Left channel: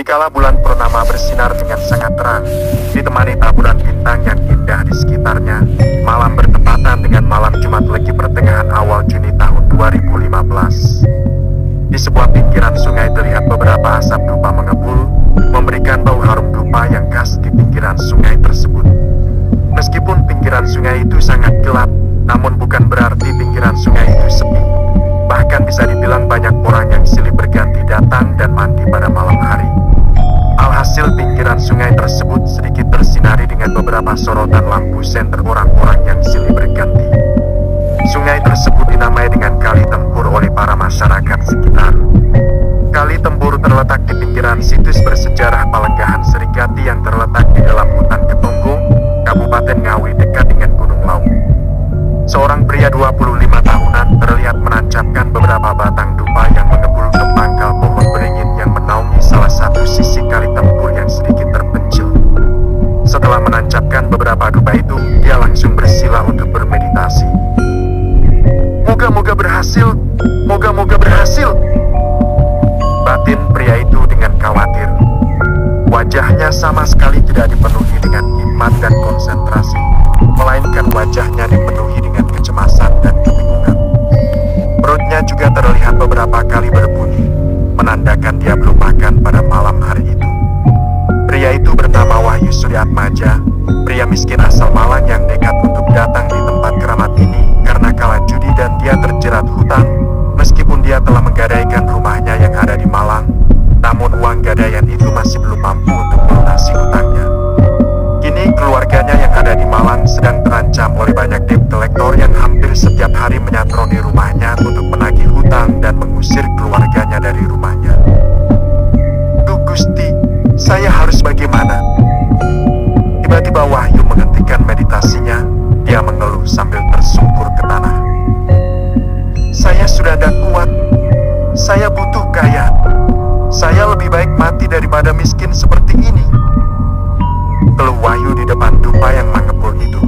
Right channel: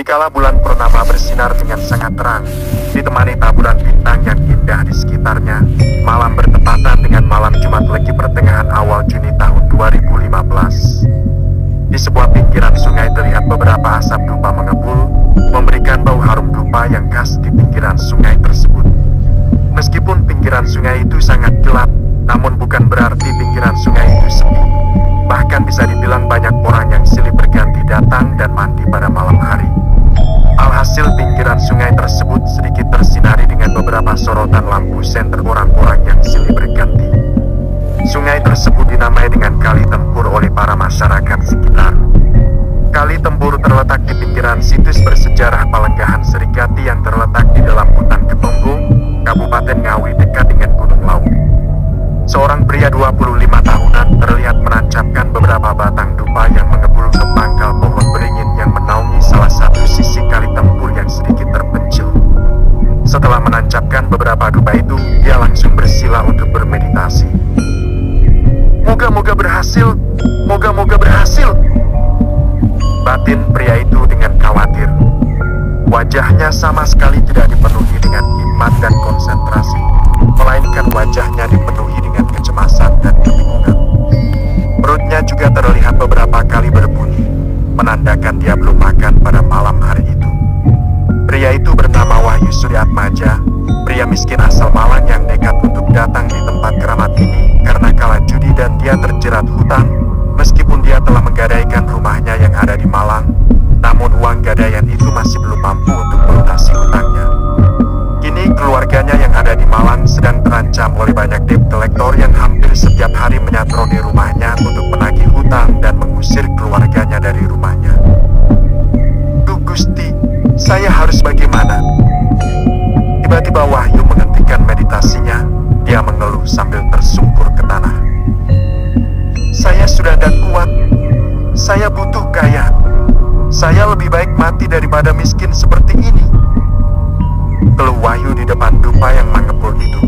Dikala bulan purnama bersinar dengan sangat terang, ditemani taburan bintang yang indah di sekitarnya, malam bertepatan dengan malam Jumat Legi pertengahan awal Juni tahun 2015. Di sebuah pinggiran sungai terlihat beberapa asap dupa mengepul, memberikan bau harum dupa yang khas di pinggiran sungai tersebut. Meskipun pinggiran sungai itu sangat gelap, namun bukan berarti pinggiran sungai itu sepi. Bahkan bisa dibilang banyak orang yang silih berganti datang dan mandi pada malam hari. Alhasil pinggiran sungai tersebut sedikit tersinari dengan beberapa sorotan lampu senter orang-orang yang silih berganti. Sungai tersebut dinamai dengan Kali Tempur oleh para masyarakat sekitar. Kali Tempur terletak di pinggiran situs bersejarah Palenggahan Serigati yang terletak di dalam hutan Ketonggong, Kabupaten Ngawi dekat dengan Gunung Lawu. Seorang pria 25 tahunan terlihat menancapkan beberapa batang dupa yang mengepul ke pangkal pohon beringin yang menaungi salah satu sisi Kali Tempur yang sedikit terpencil. Setelah menancapkan beberapa dupa itu, dia langsung bersila untuk bermeditasi. Moga-moga berhasil, moga-moga berhasil, batin pria itu dengan khawatir. Wajahnya sama sekali tidak dipenuhi dengan hikmat dan konsentrasi, melainkan wajahnya dipenuhi dengan kecemasan dan kebingungan. Perutnya juga terlihat beberapa kali berbunyi, menandakan dia belum makan pada malam hari itu. Pria itu bernama Wahyu Suryatmaja, pria miskin asal Malang yang nekat untuk datang di tempat keramat ini karena kalah judi dan dia terjerat hutang. Meskipun dia telah menggadaikan rumahnya yang ada di Malang, namun uang gadaian itu masih belum mampu untuk melunasi hutangnya. Kini keluarganya yang ada di Malang sedang terancam oleh banyak debt collector yang hampir setiap hari menyatroni rumahnya untuk menagih hutang dan mengusir keluarganya dari rumahnya. Duh Gusti, saya harus bagaimana? Tiba-tiba Wahyu menghentikan meditasinya. Dia mengeluh sambil tersungkur ke tanah. Saya sudah tidak kuat. Saya butuh kaya. Saya lebih baik mati daripada miskin seperti ini. Keluh Wahyu di depan dupa yang mengepul itu.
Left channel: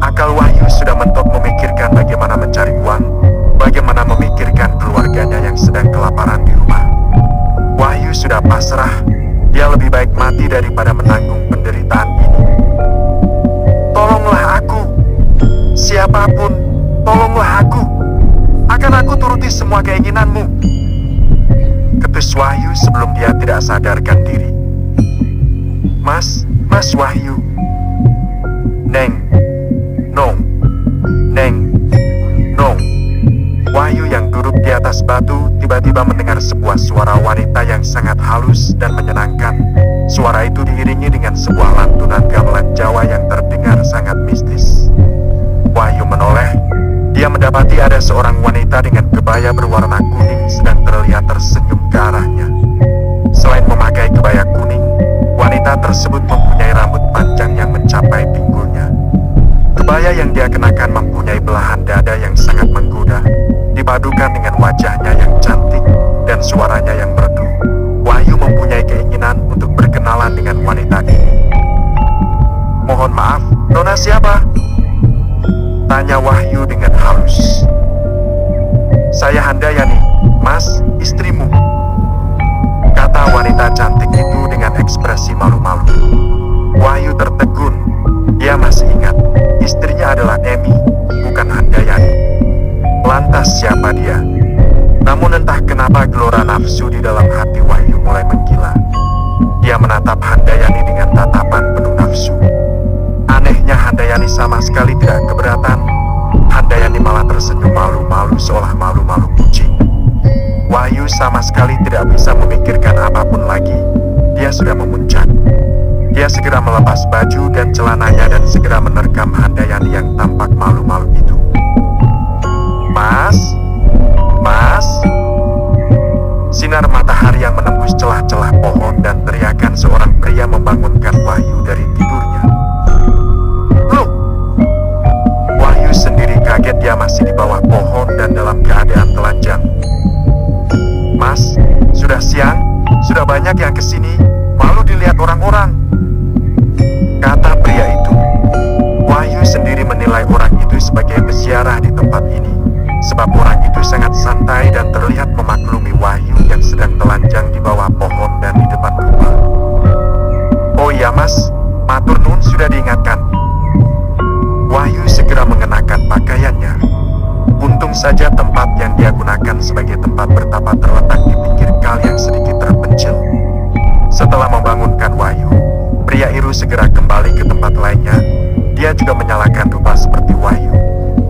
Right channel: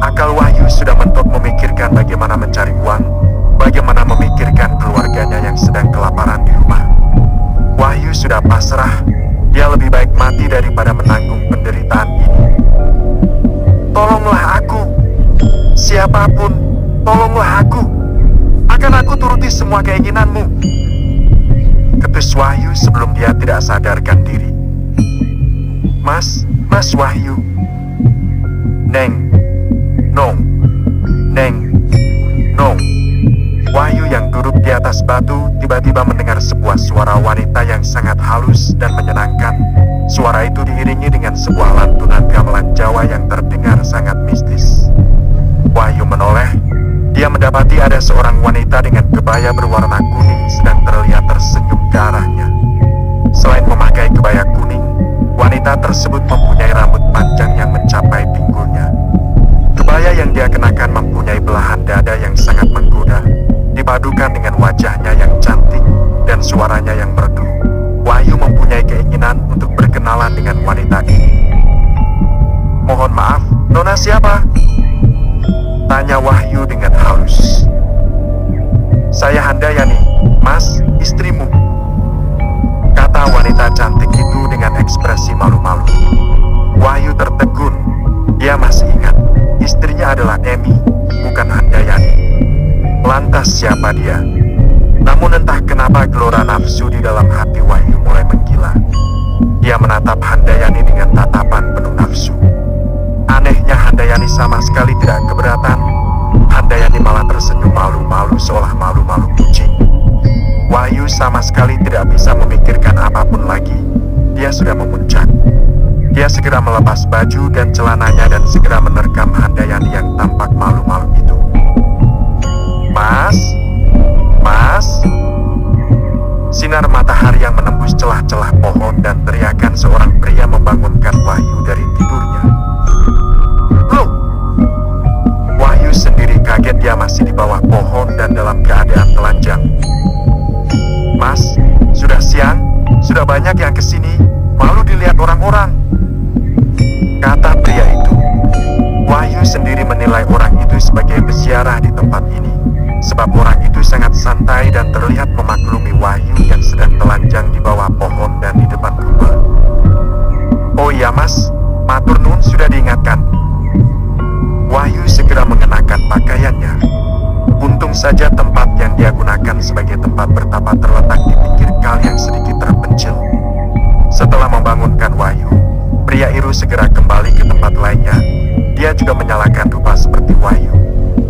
Akal Wahyu sudah mentok memikirkan bagaimana mencari uang, bagaimana memikirkan keluarganya yang sedang kelaparan di rumah. Wahyu sudah pasrah. Dia lebih baik mati daripada menanggung penderitaan ini. Tolonglah aku. Siapapun, tolonglah aku. Akan aku turuti semua keinginanmu. Ketus Wahyu sebelum dia tidak sadarkan diri. Mas Wahyu. Neng, Nong, Neng, Nong. Wahyu yang duduk di atas batu tiba-tiba mendengar sebuah suara wanita yang sangat halus dan menyenangkan. Suara itu diiringi dengan sebuah lantunan gamelan Jawa yang terdengar sangat mistis. Wahyu menoleh. Dia mendapati ada seorang wanita dengan kebaya berwarna kuning sedang terlihat tersenyum ke arahnya. Selain memakai kebaya kuning, wanita tersebut mempunyai rambut panjang yang mencapai pinggulnya. Kebaya yang dia kenakan mempunyai belahan dada yang sangat menggoda, dipadukan dengan wajahnya yang cantik dan suaranya yang merdu. Wahyu mempunyai keinginan untuk berkenalan dengan wanita ini. Mohon maaf, Nona siapa? Tanya Wahyu dengan halus. Saya Handayani, Mas, istrimu. Kata wanita cantik itu dengan ekspresi malu-malu. Wahyu tertegun. Dia masih ingat, istrinya adalah Emi, bukan Handayani. Lantas siapa dia? Namun entah kenapa gelora nafsu di dalam hati Wahyu mulai menggila. Dia menatap Handayani dengan tatapan penuh nafsu. Anehnya Handayani sama sekali tidak keberatan. Handayani malah tersenyum malu-malu seolah malu-malu kucing. Wahyu sama sekali tidak bisa memikirkan apapun lagi. Dia sudah memuncak. Dia segera melepas baju dan celananya dan segera menerkam Handayani yang tampak malu-malu itu. Mas? Sinar matahari yang menembus celah-celah pohon dan teriakan seorang pria membangunkan Wahyu dari tidurnya. Loh! Wahyu sendiri kaget, dia masih di bawah pohon dan dalam keadaan telanjang. Mas, sudah siang, sudah banyak yang kesini, malu dilihat orang-orang, kata pria itu. Wahyu sendiri menilai orang itu sebagai peziarah di tempat ini, sebab orang itu sangat santai dan terlihat memaklumi Wahyu yang sedang telanjang di bawah pohon dan di depan Pria Iru segera kembali ke tempat lainnya. Dia juga menyalakan rupa seperti Wahyu.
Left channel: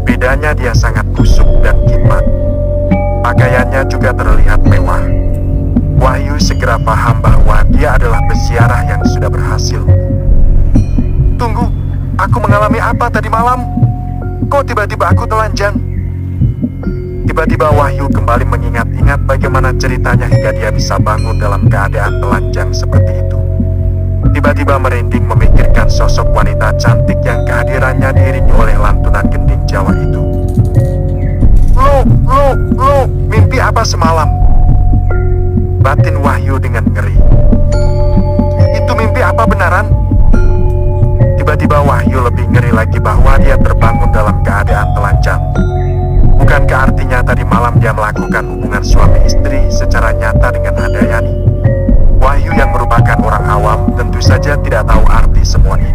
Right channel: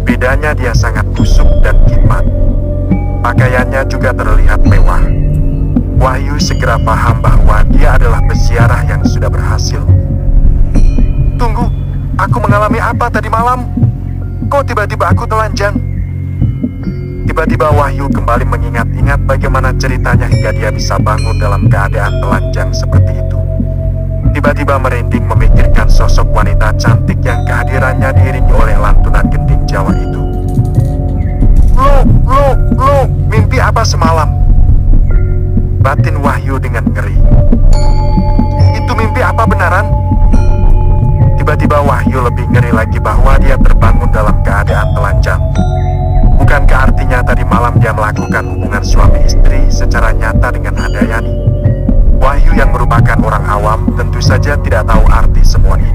Bedanya dia sangat busuk dan kimat. Pakaiannya juga terlihat mewah. Wahyu segera paham bahwa dia adalah peziarah yang sudah berhasil. Tunggu, aku mengalami apa tadi malam? Kok tiba-tiba aku telanjang? Tiba-tiba Wahyu kembali mengingat-ingat bagaimana ceritanya hingga dia bisa bangun dalam keadaan telanjang seperti itu. Tiba-tiba merinding memikirkan sosok wanita cantik yang kehadirannya diiringi oleh lantunan gending Jawa itu. Lo, mimpi apa semalam? Batin Wahyu dengan ngeri. Itu mimpi apa benaran? Tiba-tiba Wahyu lebih ngeri lagi bahwa dia terbangun dalam keadaan telanjang. Bukankah artinya tadi malam dia melakukan hubungan suami istri secara nyata dengan Handayani? Wahyu yang merupakan orang awam tentu saja tidak tahu arti semua ini.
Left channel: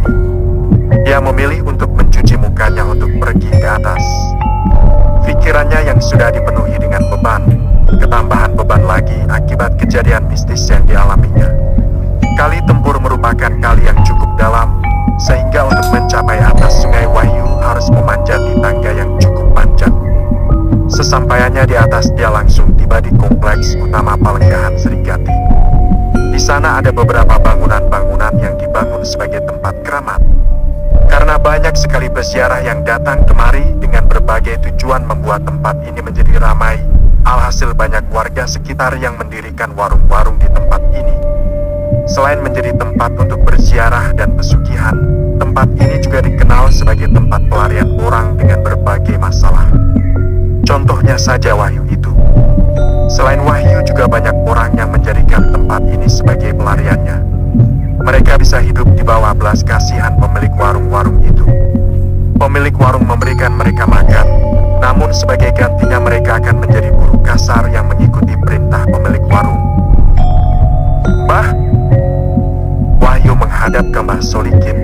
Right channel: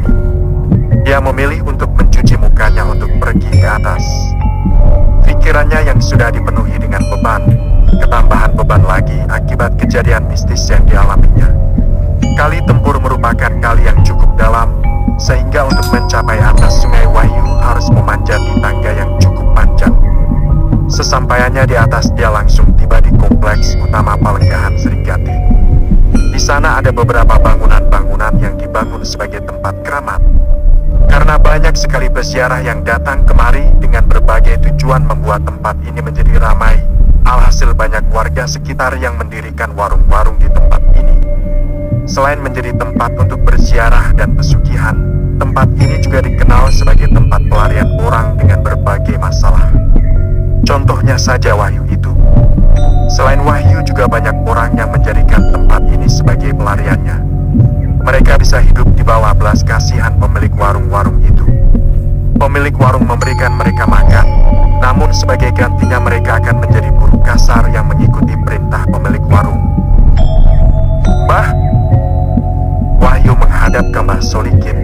Dia memilih untuk mencuci mukanya untuk pergi ke atas. Pikirannya yang sudah dipenuhi dengan beban, ketambahan beban lagi akibat kejadian mistis yang dialaminya. Kali tempur merupakan kali yang cukup dalam, sehingga untuk mencapai atas sungai Wahyu harus memanjati tangga yang cukup panjang. Sesampainya di atas, dia langsung tiba di kompleks utama Palenggahan Serigati. Di sana ada beberapa bangunan-bangunan yang dibangun sebagai tempat keramat. Karena banyak sekali peziarah yang datang kemari dengan berbagai tujuan membuat tempat ini menjadi ramai. Alhasil banyak warga sekitar yang mendirikan warung-warung di tempat ini. Selain menjadi tempat untuk berziarah dan pesugihan, tempat ini juga dikenal sebagai tempat pelarian orang dengan berbagai masalah. Contohnya saja Wahyu itu. Selain Wahyu, juga banyak orang yang menjadikan tempat ini sebagai pelariannya. Mereka bisa hidup di bawah belas kasihan pemilik warung-warung itu. Pemilik warung memberikan mereka makan, namun sebagai gantinya mereka akan menjadi buruh kasar yang mengikuti perintah pemilik warung. Mbah, Wahyu menghadap ke Mbah Solikin,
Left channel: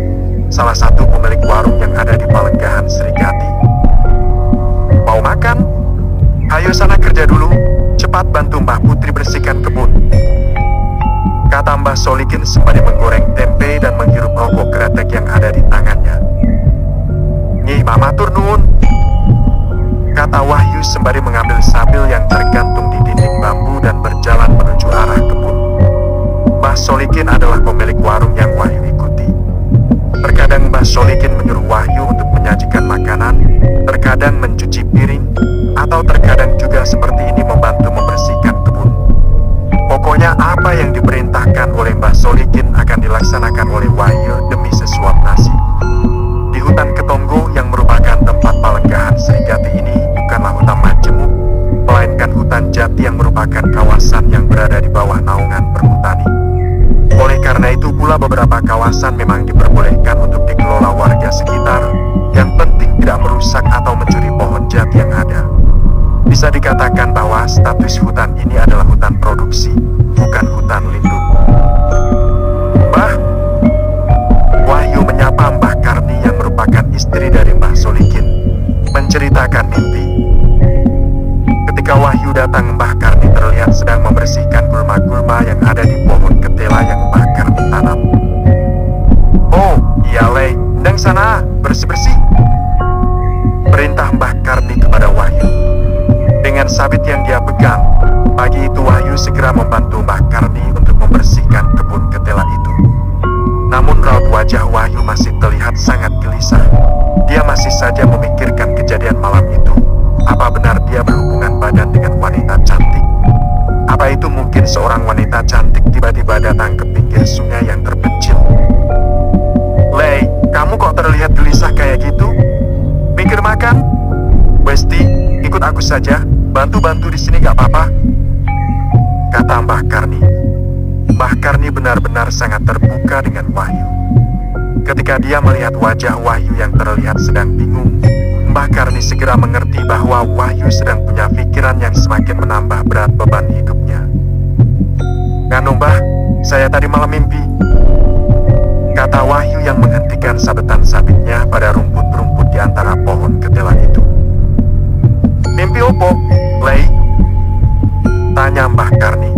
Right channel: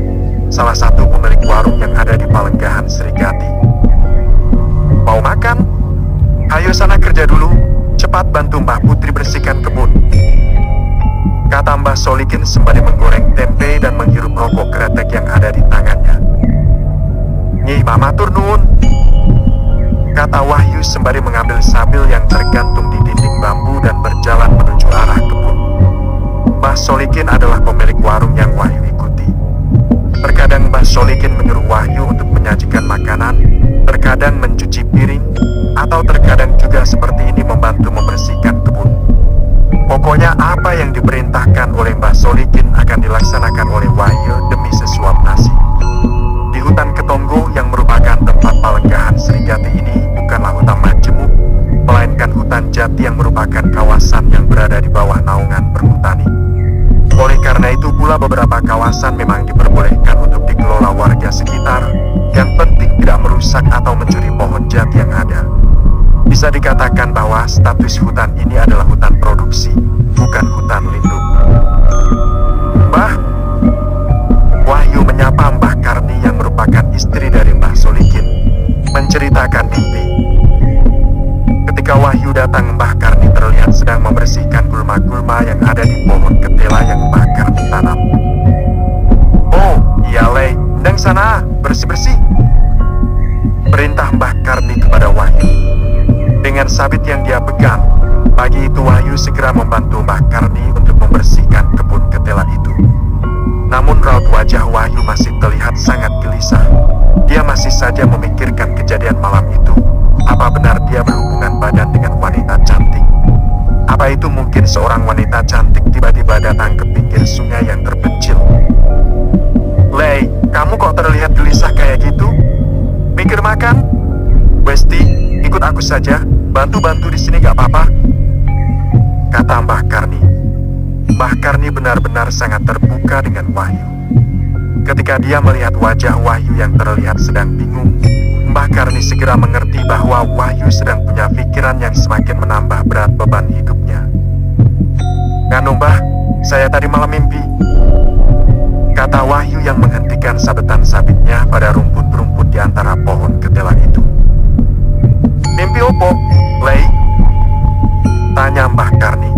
salah satu pemilik warung yang ada di Palenggahan Serigati. Mau makan? Ayo sana kerja dulu. Cepat bantu Mbah Putri bersihkan kebun, kata Mbah Solikin sembari menggoreng tempe dan menghirup rokok kretek yang ada di tangannya. Nyih Mama Turnun, kata Wahyu sembari mengambil sabil yang tergantung di dinding bambu dan berjalan menuju arah kebun. Mbah Solikin adalah pemilik warung yang Wahyu ikuti. Terkadang Mbah Solikin menyuruh Wahyu untuk menyajikan makanan, terkadang mencuci piring, atau terkadang juga seperti ini membantu membersihkan kebun. Pokoknya apa yang diperintahkan oleh Mbah Solikin akan dilaksanakan oleh Wahyu demi sesuap nasi. Di hutan Ketonggo yang merupakan tempat Palenggahan Serigati ini bukanlah hutan majemuk, melainkan hutan jati yang merupakan kawasan yang berada di bawah naungan perhutani. Oleh karena itu pula beberapa kawasan memang diperbolehkan untuk dikelola warga sekitar, yang penting tidak merusak atau mencuri pohon jati yang ada. Bisa dikatakan bahwa status hutan ini adalah hutan produksi, bukan hutan lindung. Mbah, Wahyu menyapa Mbah Karni yang merupakan istri dari Mbah Solikin, menceritakan mimpi. Ketika Wahyu datang, Mbah Karni terlihat sedang membersihkan gulma-gulma yang ada di pohon ketela yang Mbah Karni tanam. Oh, iya Lei, ndang sana, bersih-bersih, perintah Mbah Karni kepada Wahyu. Dengan sabit yang dia pegang, pagi itu Wahyu segera membantu Mbah Karni untuk membersihkan kebun ketela itu. Namun raut wajah Wahyu masih terlihat sangat gelisah. Dia masih saja memikirkan kejadian malam itu. Apa benar dia berhubungan badan dengan wanita cantik? Apa itu mungkin seorang wanita cantik tiba-tiba datang ke pinggir sungai yang terpencil? Lei, kamu kok terlihat gelisah kayak gitu? Mikir makan? Besti, ikut aku saja. Bantu-bantu di sini gak apa-apa, kata Mbah Karni. Mbah Karni benar-benar sangat terbuka dengan Wahyu. Ketika dia melihat wajah Wahyu yang terlihat sedang bingung, Mbah Karni segera mengerti bahwa Wahyu sedang punya pikiran yang semakin menambah berat beban hidupnya. Nganu Mbah, saya tadi malam mimpi, kata Wahyu yang menghentikan sabetan sabitnya pada rumput-rumput di antara pohon ketela itu. Mimpi opo, Lei? Tanya Mbah Karni.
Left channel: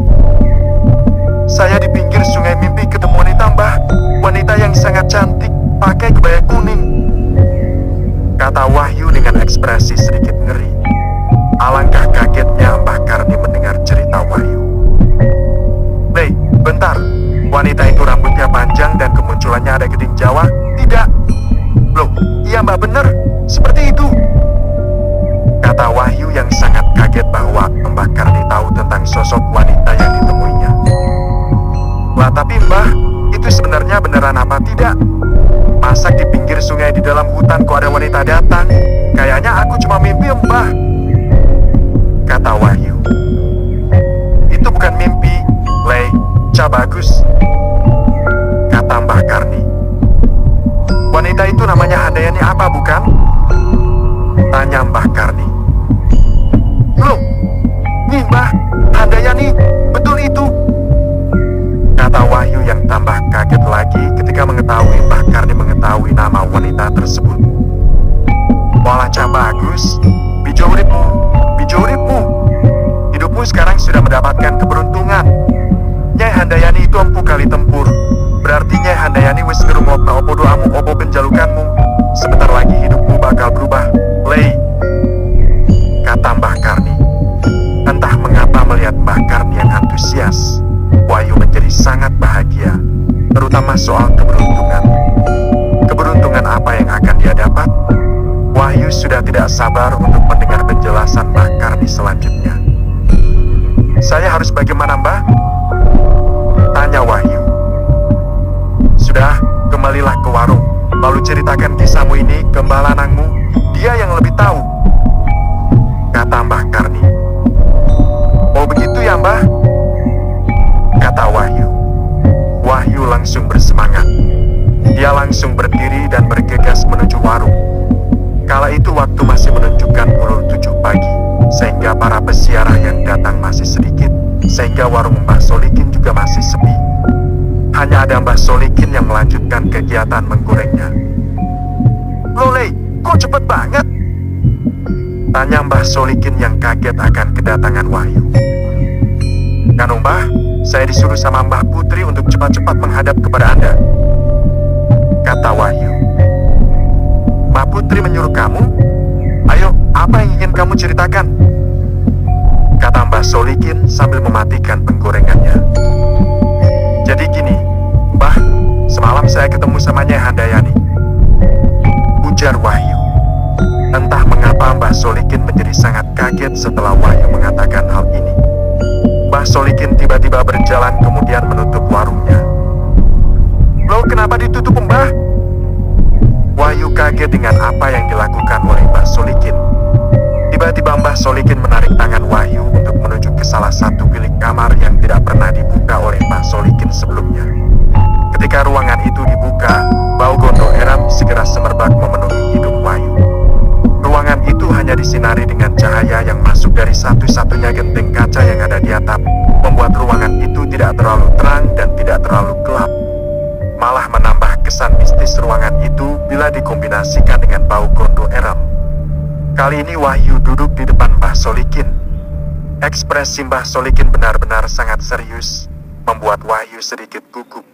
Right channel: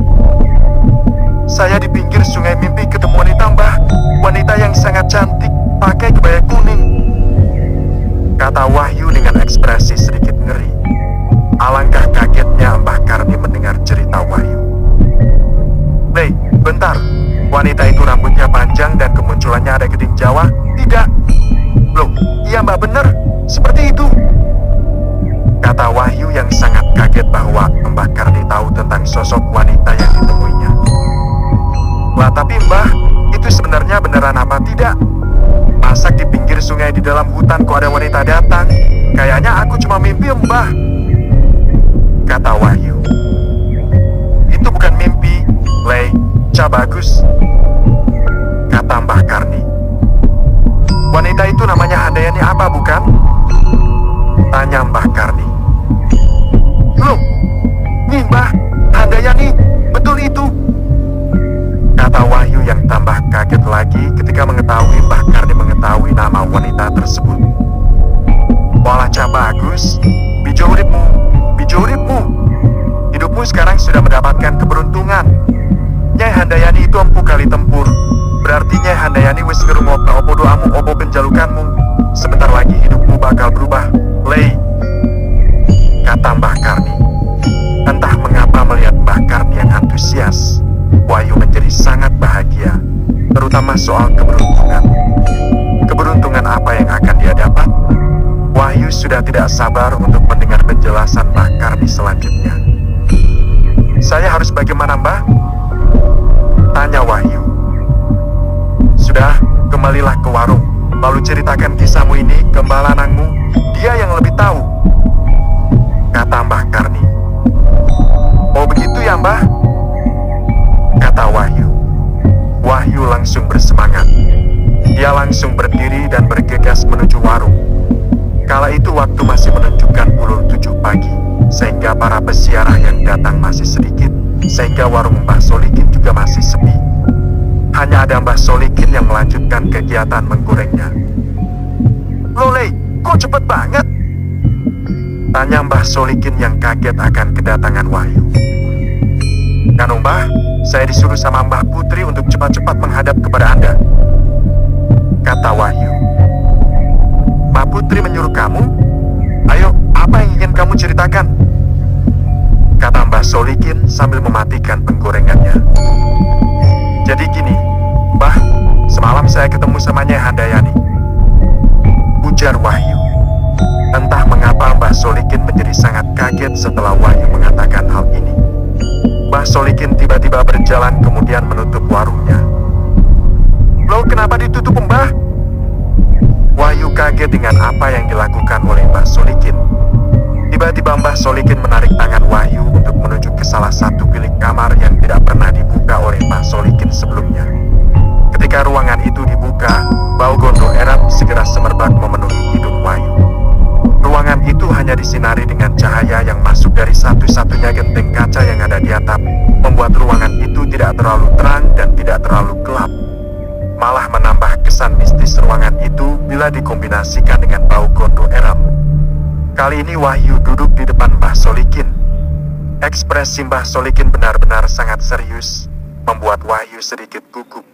Saya di pinggir sungai mimpi ketemu wanita, Mbah. Wanita yang sangat cantik, pakai kebaya kuning, kata Wahyu dengan ekspresi sedikit ngeri. Alangkah kagetnya Mbah Karni mendengar cerita Wahyu. "Lei, bentar. Wanita itu rambutnya panjang dan kemunculannya ada geding Jawa?" "Tidak." "Loh, iya Mbah, bener. Seperti itu," kata Wahyu yang sangat kaget bahwa Mbah Karni tahu tentang sosok wanita yang ditemuinya. "Lah tapi Mbah, itu sebenarnya beneran apa tidak? Masa di pinggir sungai di dalam hutan kok ada wanita datang? Kayaknya aku cuma mimpi, Mbah," kata Wahyu. "Itu bukan mimpi, Lei. Bagus," kata Mbah Karni. "Wanita itu namanya Handayani apa bukan?" tanya Mbah Karni. "Loh, nih Mbah, Handayani, betul itu," kata Wahyu yang tambah kaget lagi ketika mengetahui Mbah Karni mengetahui nama wanita tersebut. "Walah Bagus, bijo uripmu. Hidupmu sekarang sudah mendapatkan keberuntungan. Nyai Handayani itu empu kali tempur. Berarti Nyai Handayani wis ngerungokna opo doamu, opo penjalukanmu. Sebentar lagi hidupmu bakal berubah, Lei," kata Mbah Karni. Entah mengapa melihat Mbah Karni yang antusias, Wahyu menjadi sangat bahagia, terutama soal keberuntungan. Keberuntungan apa yang akan dia dapat? Wahyu sudah tidak sabar untuk mendengar penjelasan Mbah Karni selanjutnya. "Saya harus bagaimana, Mbah?" tanya Wahyu. "Sudah, kembalilah ke warung, lalu ceritakan kisahmu ini ke Mbah Lanangmu. Dia yang lebih tahu," kata Mbah Karni. "Oh begitu ya Mbah," kata Wahyu. Wahyu langsung bersemangat. Dia langsung berdiri dan bergegas menuju warung. Kala itu waktu masih menunjukkan pukul 7 pagi, sehingga para peziarah yang datang masih sedikit, sehingga warung Mbah Solikin juga masih sepi. Hanya ada Mbah Solikin yang melanjutkan kegiatan menggorengnya. "Loh Lei, kok cepet banget?" tanya Mbah Solikin yang kaget akan kedatangan Wahyu. "Kanu Mbah, saya disuruh sama Mbah Putri untuk cepat-cepat menghadap kepada Anda," kata Wahyu. "Mbah Putri menyuruh kamu? Ayo, apa yang ingin kamu ceritakan?" kata Mbah Solikin sambil mematikan penggorengannya. "Jadi gini, Mbah, semalam saya ketemu sama Nyai Handayani," ujar Wahyu. Entah mengapa Mbah Solikin menjadi sangat kaget setelah Wahyu mengatakan hal ini. Mbah Solikin tiba-tiba berjalan kemudian menutup warungnya. "Loh, kenapa ditutup, Mbah?" Wahyu kaget dengan apa yang dilakukan oleh Mbah Solikin. Tiba-tiba Mbah Solikin menarik tangan Wahyu untuk menuju ke salah satu bilik kamar yang tidak pernah dibuka oleh Mbah Solikin sebelumnya. Ketika ruangan itu dibuka, bau gondo eram segera semerbak memenuhi hidung Wahyu. Ruangan itu hanya disinari dengan cahaya yang masuk dari satu-satunya genteng kaca yang ada di atap, membuat ruangan itu tidak terlalu terang dan tidak terlalu gelap. Malah menambah kesan mistis ruangan itu bila dikombinasikan dengan bau gondo eram. Kali ini Wahyu duduk di depan Mbah Solikin. Ekspresi Mbah Solikin benar-benar sangat serius, membuat Wahyu sedikit gugup.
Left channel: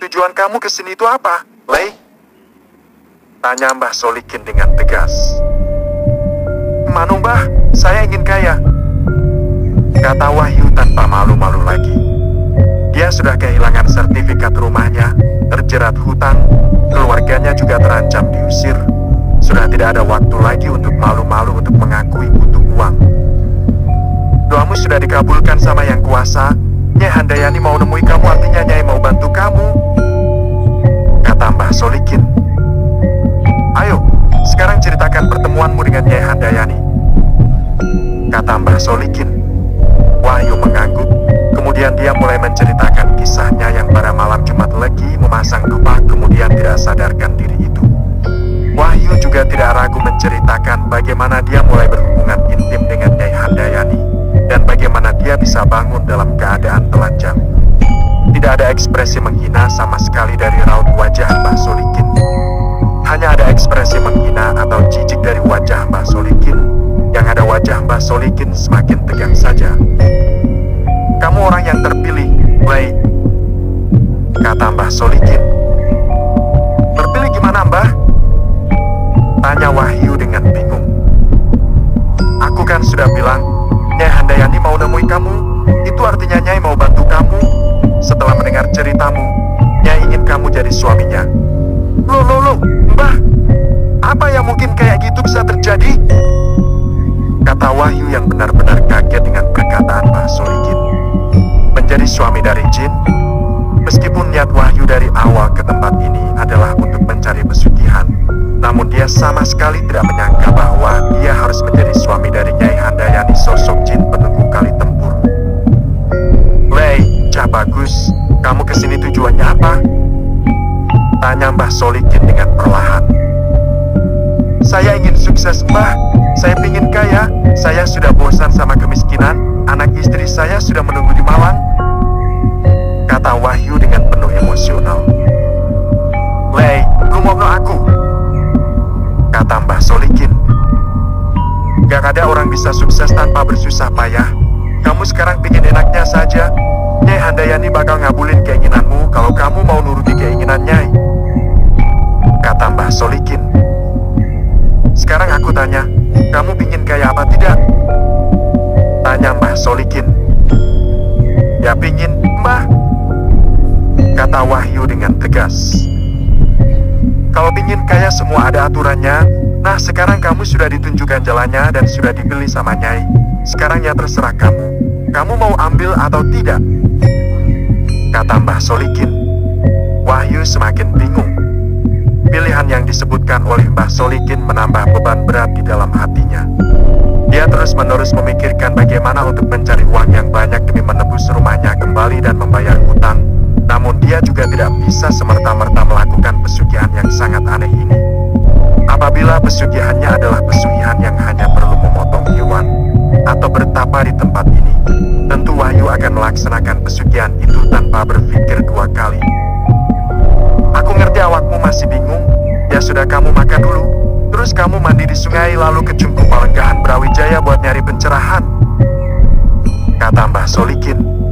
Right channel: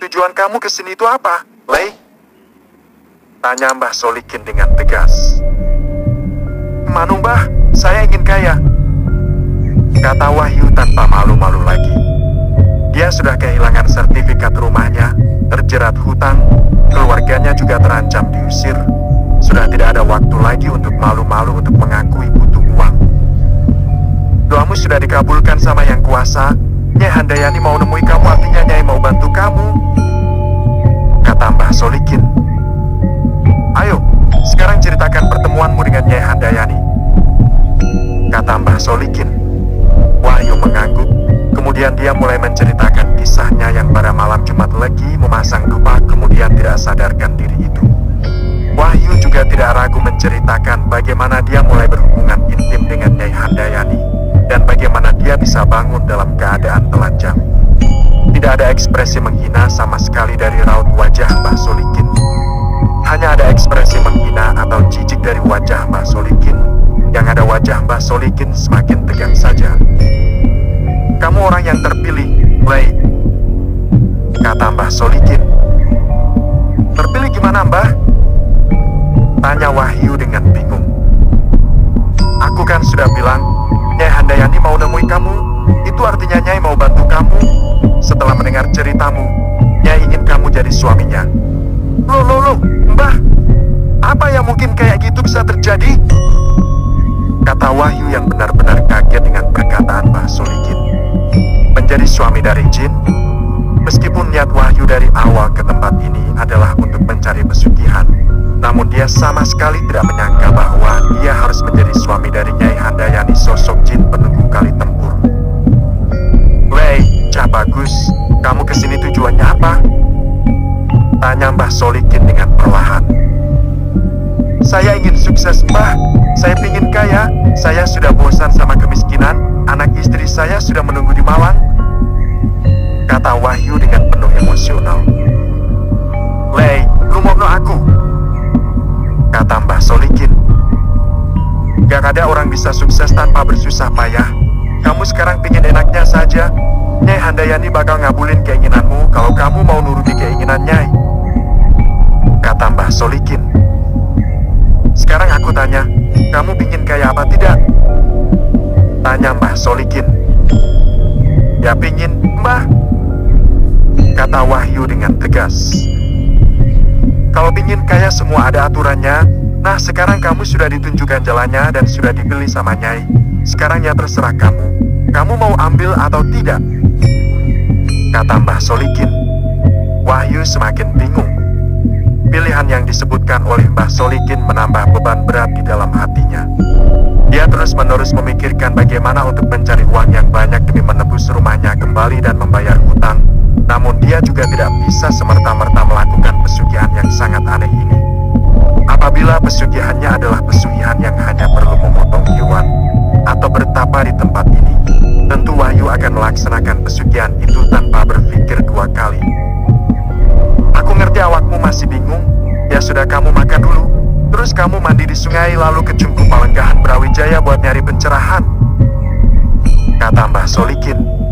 "Tujuan kamu kesini itu apa, Lei?" tanya Mbah Solikin dengan tegas. "Manu Mbah, saya ingin kaya," kata Wahyu tanpa malu-malu lagi. Dia sudah kehilangan sertifikat rumahnya, terjerat hutang, keluarganya juga terancam diusir. Sudah tidak ada waktu lagi untuk malu-malu untuk mengakui butuh uang. "Doamu sudah dikabulkan sama Yang Kuasa. Nyai Handayani mau nemui kamu, artinya Nyai mau bantu kamu," kata Mbah Solikin. "Ayo, sekarang ceritakan pertemuanmu dengan Nyai Handayani," kata Mbah Solikin. Wahyu mengangguk, kemudian dia mulai menceritakan kisahnya yang pada malam Jumat Legi memasang dupa kemudian tidak sadarkan diri itu. Wahyu juga tidak ragu menceritakan bagaimana dia mulai berhubungan intim dengan Nyai Handayani, dan bagaimana dia bisa bangun dalam keadaan telanjang. Tidak ada ekspresi menghina sama sekali dari raut wajah Mbah Solikin. Hanya ada ekspresi menghina atau jijik dari wajah Mbah Solikin. Yang ada wajah Mbah Solikin semakin tegang saja. "Kamu orang yang terpilih," Lei, kata Mbah Solikin. Terpilih gimana, Mbah? Tanya Wahyu dengan bingung. Aku kan sudah bilang, Nyai Handayani mau nemui kamu. Itu artinya Nyai mau bantu kamu. Setelah mendengar ceritamu, Nyai ingin kamu jadi suaminya. Loh, Mbah, apa yang mungkin kayak gitu bisa terjadi? Kata Wahyu yang benar-benar kaget dengan perkataan Mbah Solikin. Menjadi suami dari jin? Meskipun niat Wahyu dari awal ke tempat ini adalah untuk mencari pesugihan, namun dia sama sekali tidak menyangka bahwa dia harus menjadi suami dari Nyai Handayani, sosok jin penunggu kali tempur. Lei, Cah Bagus, kamu kesini tujuannya apa? Tanya Mbah Solikin dengan perlahan. Saya ingin sukses, Mbah. Saya ingin kaya. Saya sudah bosan sama kemiskinan. Anak istri saya sudah menunggu di Malang. Kata Wahyu dengan penuh emosional. Lei, rumokno aku. Kata Mbah Solikin. Gak ada orang bisa sukses tanpa bersusah payah. Kamu sekarang pingin enaknya saja. Nyai Handayani bakal ngabulin keinginanmu kalau kamu mau nuruti keinginan Nyai. Kata Mbah Solikin. Sekarang aku tanya, kamu pingin kaya apa tidak? Tanya Mbah Solikin. Ya pingin, Mbah. Kata Wahyu dengan tegas. Kalau pingin kaya semua ada aturannya. Nah sekarang kamu sudah ditunjukkan jalannya dan sudah dibeli sama Nyai. Sekarang ya terserah kamu. Kamu mau ambil atau tidak? Kata Mbah Solikin. Wahyu semakin bingung. Pilihan yang disebutkan oleh Mbah Solikin menambah beban berat di dalam hatinya. Dia terus-menerus memikirkan bagaimana untuk mencari uang yang banyak demi menebus rumahnya kembali dan membayar hutang. Namun dia juga tidak bisa semerta-merta melakukan pesugihan yang sangat aneh ini. Apabila pesugihannya adalah pesugihan yang hanya perlu memotong hewan atau bertapa di tempat ini, tentu Wahyu akan melaksanakan pesugihan itu tanpa berpikir dua kali. Aku ngerti awakmu masih bingung. Ya sudah, kamu makan dulu. Terus kamu mandi di sungai lalu ke Cungkup Palenggahan Brawijaya buat nyari pencerahan. Kata Mbah Solikin.